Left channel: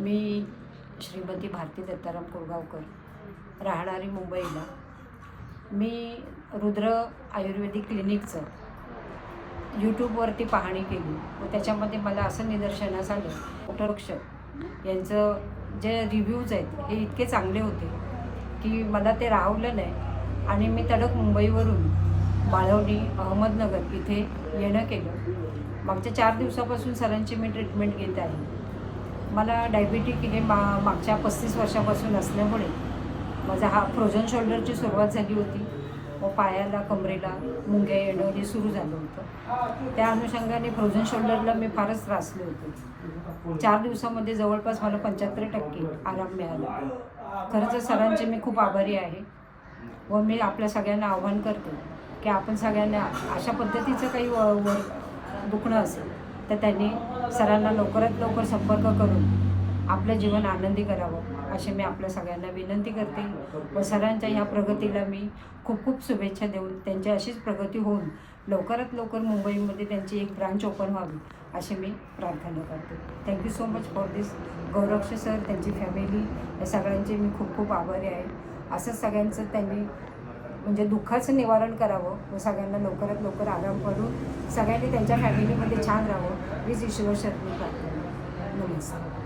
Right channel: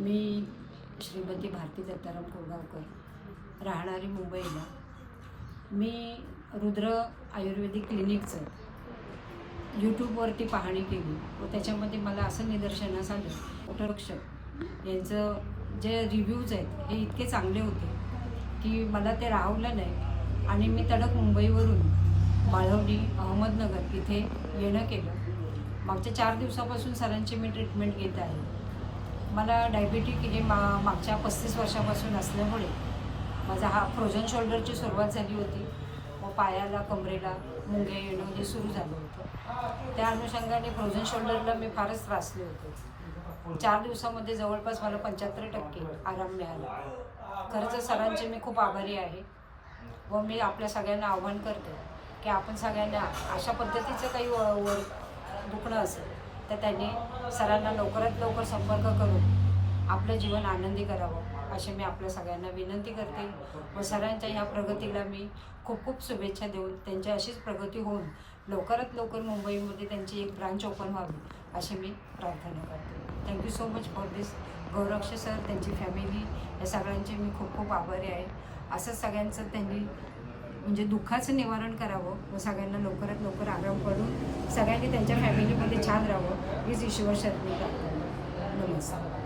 मी श्रीमती भारती दत्ताराम कोळगावकर, राहणारी मुंबईला. मी रुद्र आयुर्वेदिक क्लिनिकचं यूट्यूबवरती पाहणी केली व त्याच्यामध्ये मला असं निदर्शनास आलं, डॉक्टर यांचं जे रिव्ह्यूज आहेत हे इतके चांगले होते की मला ते राहवलं नाही आणि मी तडक मुंबईवरून बाळवणी अहमदनगर इथे येणं केलं. मागच्या 4 दिवसापासून सरांची मी ट्रीटमेंट घेत आहे. मला डायबिटिक हे मागच्या 35 वर्षापासून असल्यामुळे माझा हा फ्रोझन शोल्डरची सुरुवात झाली होती व पायाला कमरेला मुंग्या येणं हे सुरू झालं होतं. त्या अनुषंगाने फ्रोझन शोल्डरला मी फारच त्रासले होते. 4 दिवसामध्ये जवळपास मला 75% आराम मिळाला. खरंच सरांचे मी खूप आभारी आहे व मी आपल्या सगळ्यांना आव्हान करते की आपण सगळ्यांना अशा पद्धतीचं काही दुखणं असेल तर त्यांनी सरांना लवकरात लवकर संपर्क करून आपलं जीवन आनंदी करावं अशी मी आपल्या सगळ्यांना विनंती करते व सरांच्या ह्या प्रगतीला मी खूप खूप शुभेच्छा देऊन त्यांची अशीच प्रगती होऊन लवकरात लवकर मुंबईमध्ये त्यांची एक ब्रांच ओपन व्हावी अशी मी प्रार्थना करते. Thank you so much for this. Gauraksh sir, त्यांची फॅमिली, या सगळ्यांचे मी खूप खूप आभारी आहे. असंच सगळ्यांचं त्यांनी म्हणजे दुःखाचं निवारण करावं व सगळ्यांना लवकरात लवकर आराम पडून सगळ्यांनी त्यांच्या फॅमिलीमध्ये छान राहावं हीच ईश्वर शरणी प्रार्थना. नमस्कार.